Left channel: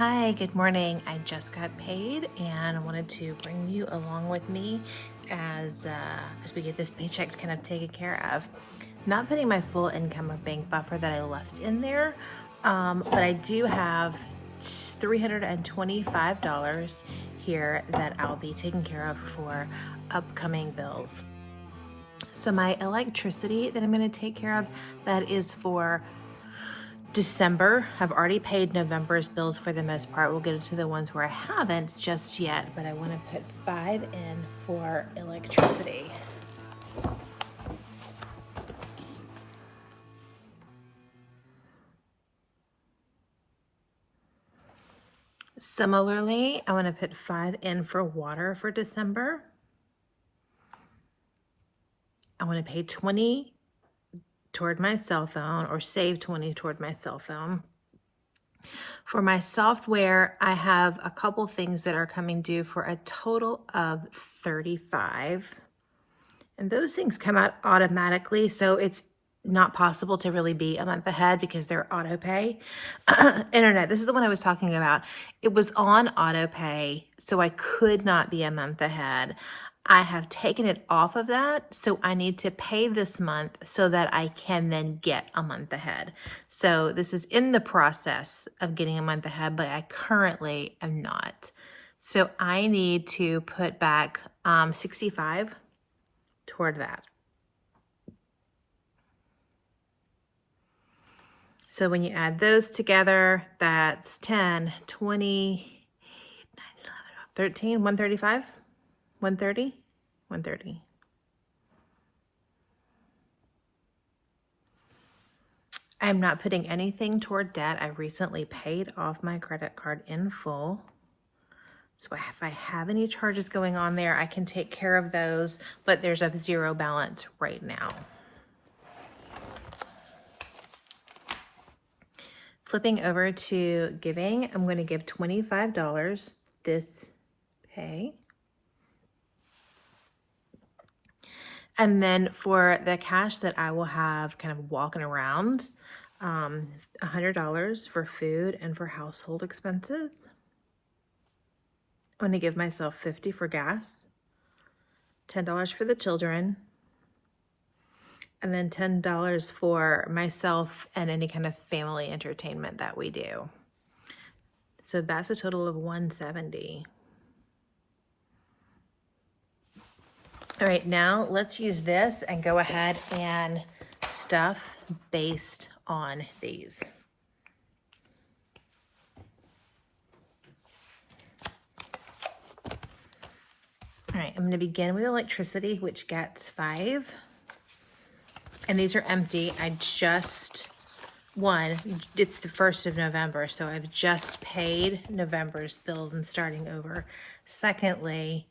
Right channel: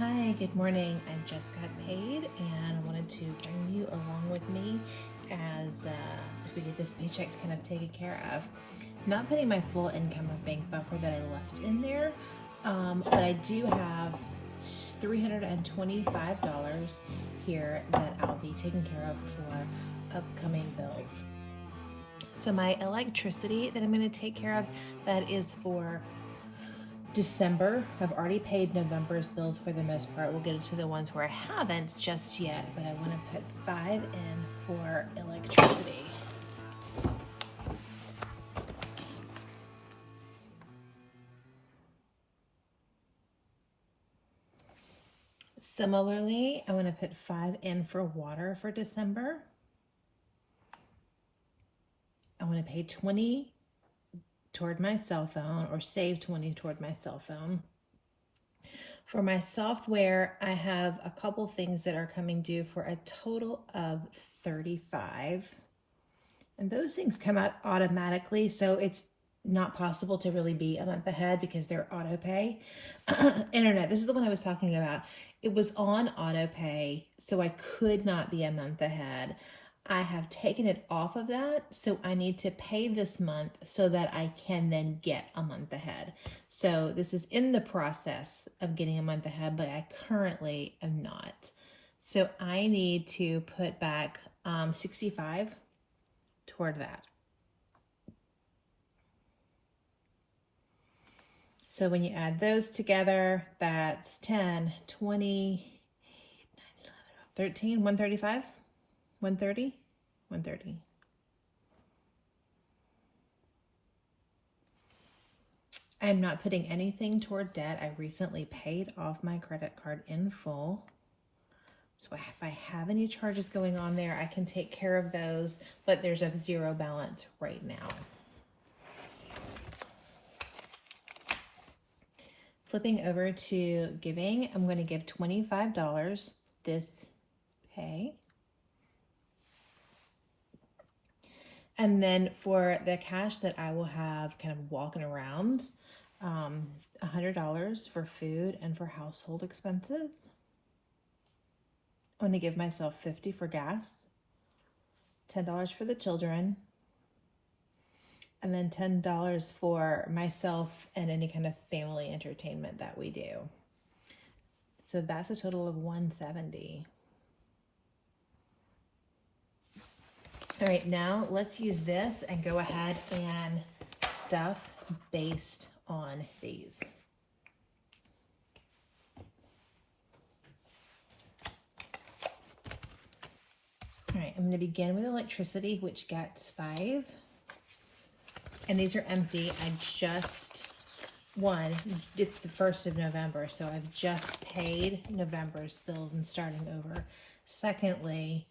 Hi, good morning. I just got paid and I wanted to bring you along with me as we get this paycheck kind of taken care of. Not putting my full income or bank buffer that I left in there, but I do have $325 here that I'll be taking care of for upcoming bills. So my electricity that I'm going to take care of, that is for December. I've already paid November's bills for the most part. We'll get into the ones where I haven't just yet, but I want to put 5 in for electricity. Similarly, I want to put 5 in for water for December. I want to pay 20 toward my cell phone, or save 20 toward my cell phone. For my software, I have a couple things that are coming due for a total of 35. And those things come out automatically, so it's not possible to really be a month ahead because they're auto pay. Internet, this is the one I was talking about. It was on auto pay, so I could not be a month ahead. I have taken it off of that, so I need to pay this month so that I can then get a month ahead. So this is in the process of getting a month ahead, but I currently am not. So I need to put back 65 toward that. So when you add those together, that's 10, 20, 9, 11, 13, 135, 130, 130. I'm not putting anything toward debt. I recently paid off my credit card in full. So if I have any charges going on there, I can take care of those, but there's a zero balance right now. Flipping over to giving, I'm going to give $25 this pay. And then for the cash that I will have kind of walking around, $100 for food and for household expenses. I'm going to give myself $50 for gas, $10 for the children, and then $10 for myself and any kind of family entertainment that we do. So that's a total of $170. All right, now let's use this and go ahead and stuff based on these. All right, I'm going to begin with electricity, which gets 5. And these are empty. It's the 1st of November, so I've just paid November's bills and starting over. Secondly,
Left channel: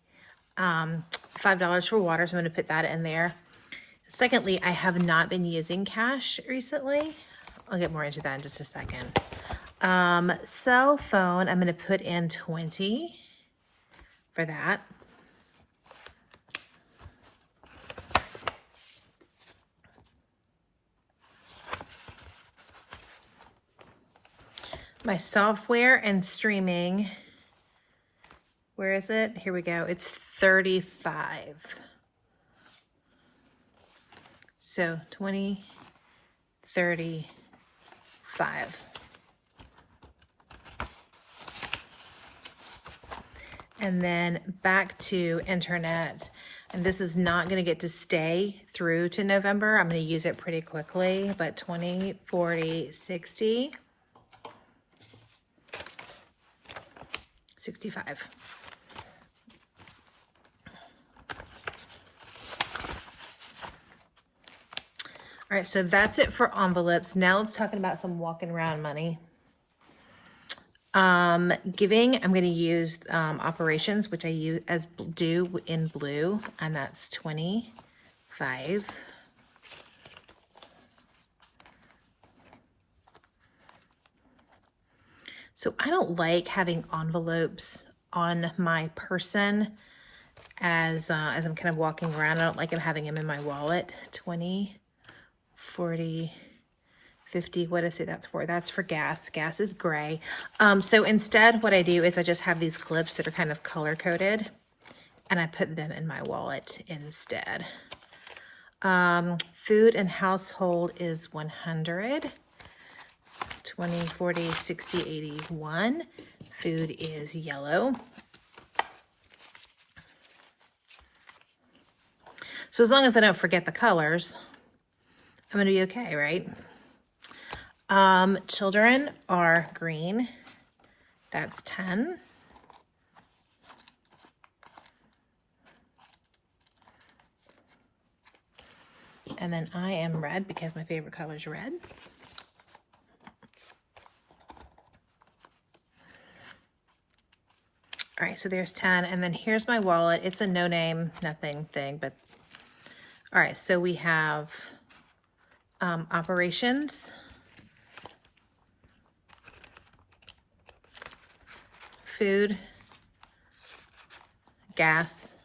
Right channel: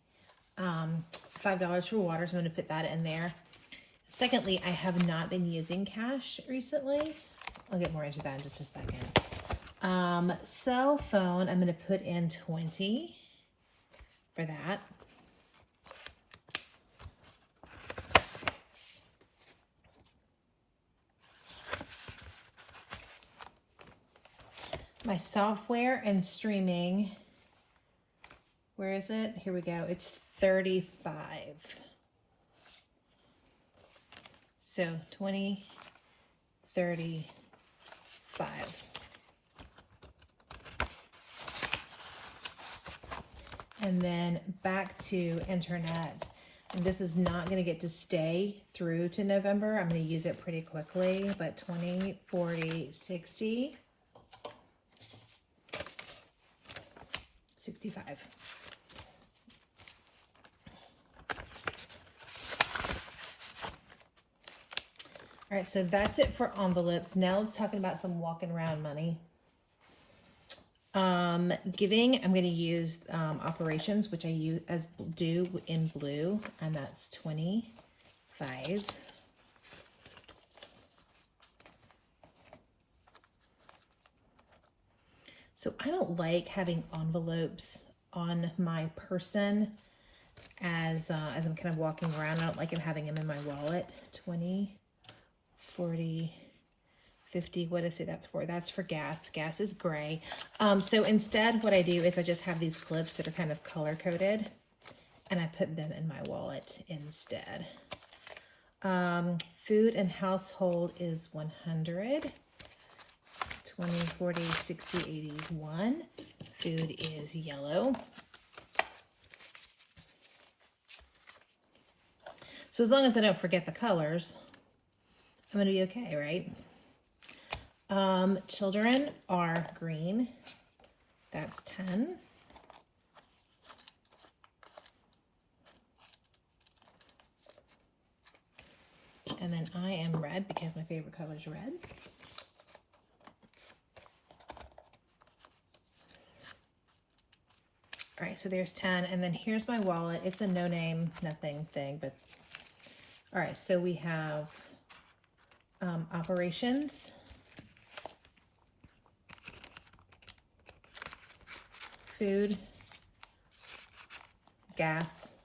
$5 for water, so I'm going to put that in there. Secondly, I have not been using cash recently. I'll get more into that in just a second. Cell phone, I'm going to put in 20 for that. My software and streaming, where is it? Here we go. It's 35. So 20, 35. And then back to internet. And this is not going to get to stay through to November. I'm going to use it pretty quickly, but 20, 40, 60. 65. All right, so that's it for envelopes. Now let's talk about some walking around money. Giving, I'm going to use operations, which I do in blue, and that's 25. So I don't like having envelopes on my person as I'm kind of walking around. I don't like having them in my wallet. 20, 40, 50, what is it that's for? That's for gas. Gas is gray. So instead what I do is I just have these clips that are kind of color coded and I put them in my wallet instead. Food and household is 100, 20, 40, 60, 81. Food is yellow. So as long as I don't forget the colors, I'm gonna be okay, right? Children are green. That's 10. And then I am red because my favorite color is red. All right, so there's 10. And then here's my wallet. It's a no name, nothing thing, but all right, so we have operations, food, gas,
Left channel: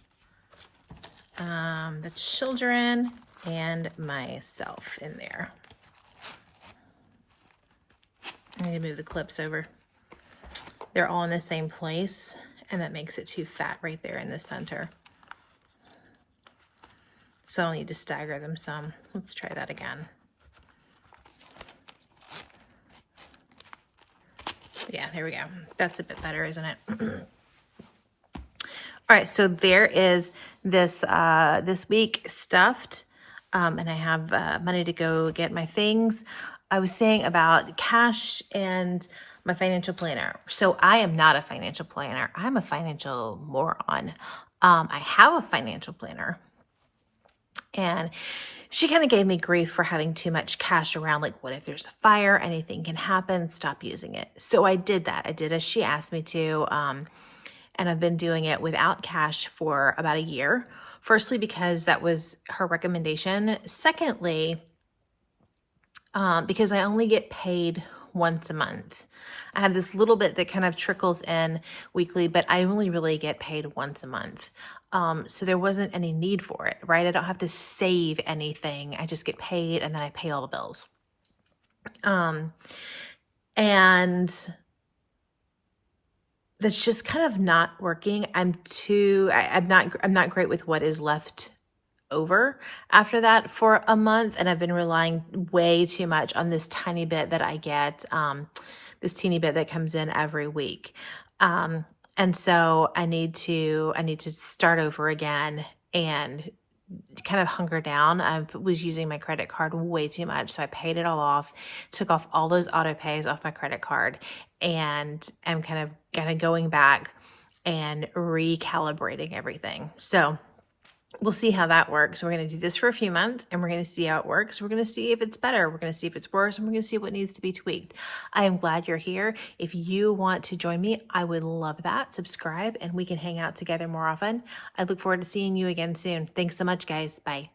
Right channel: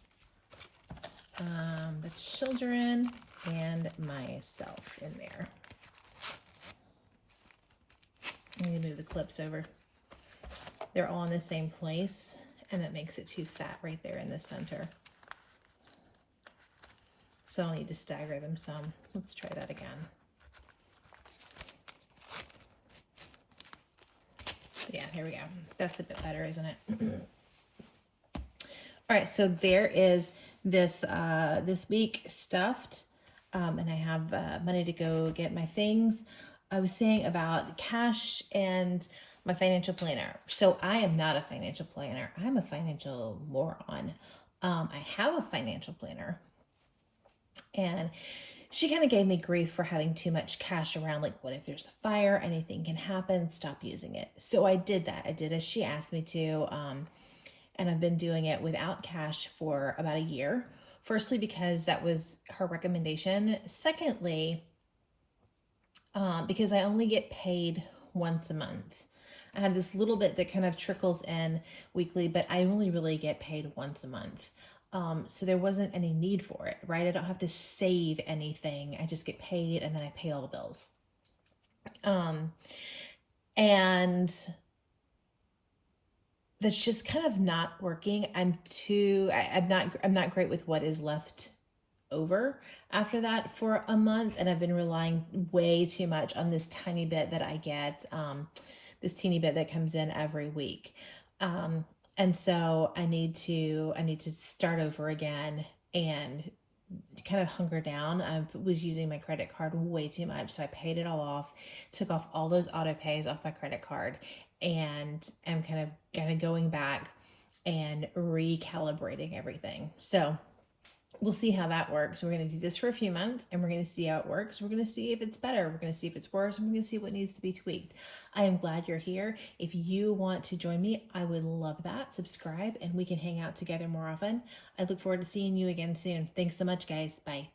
the children, and myself in there. I need to move the clips over. They're all in the same place, and that makes it too fat right there in the center. So I'll need to stagger them some. Let's try that again. Yeah, there we go. That's a bit better, isn't it? All right, so there is this this week stuffed, and I have money to go get my things. I was saying about cash and my financial planner. So I am not a financial planner. I'm a financial moron. I have a financial planner, and she kind of gave me grief for having too much cash around. Like, what if there's a fire? Anything can happen. Stop using it. So I did that. I did as she asked me to. And I've been doing it without cash for about a year. Firstly, because that was her recommendation. Secondly, because I only get paid once a month. I have this little bit that kind of trickles in weekly, but I only really get paid once a month. So there wasn't any need for it, right? I don't have to save anything. I just get paid and then I pay all the bills. And that's just kind of not working. I'm not great with what is left over after that for a month. And I've been relying way too much on this tiny bit that I get, this teeny bit that comes in every week. And so I need to start over again and kind of hunker down. I was using my credit card way too much. So I paid it all off, took off all those auto pays off my credit card, and I'm kind of going back and recalibrating everything. So we'll see how that works. We're going to do this for a few months and we're going to see how it works. We're going to see if it's better. We're going to see if it's worse, and we're going to see what needs to be tweaked. I am glad you're here. If you want to join me, I would love that. Subscribe and we can hang out together more often. I look forward to seeing you again soon. Thanks so much, guys. Bye.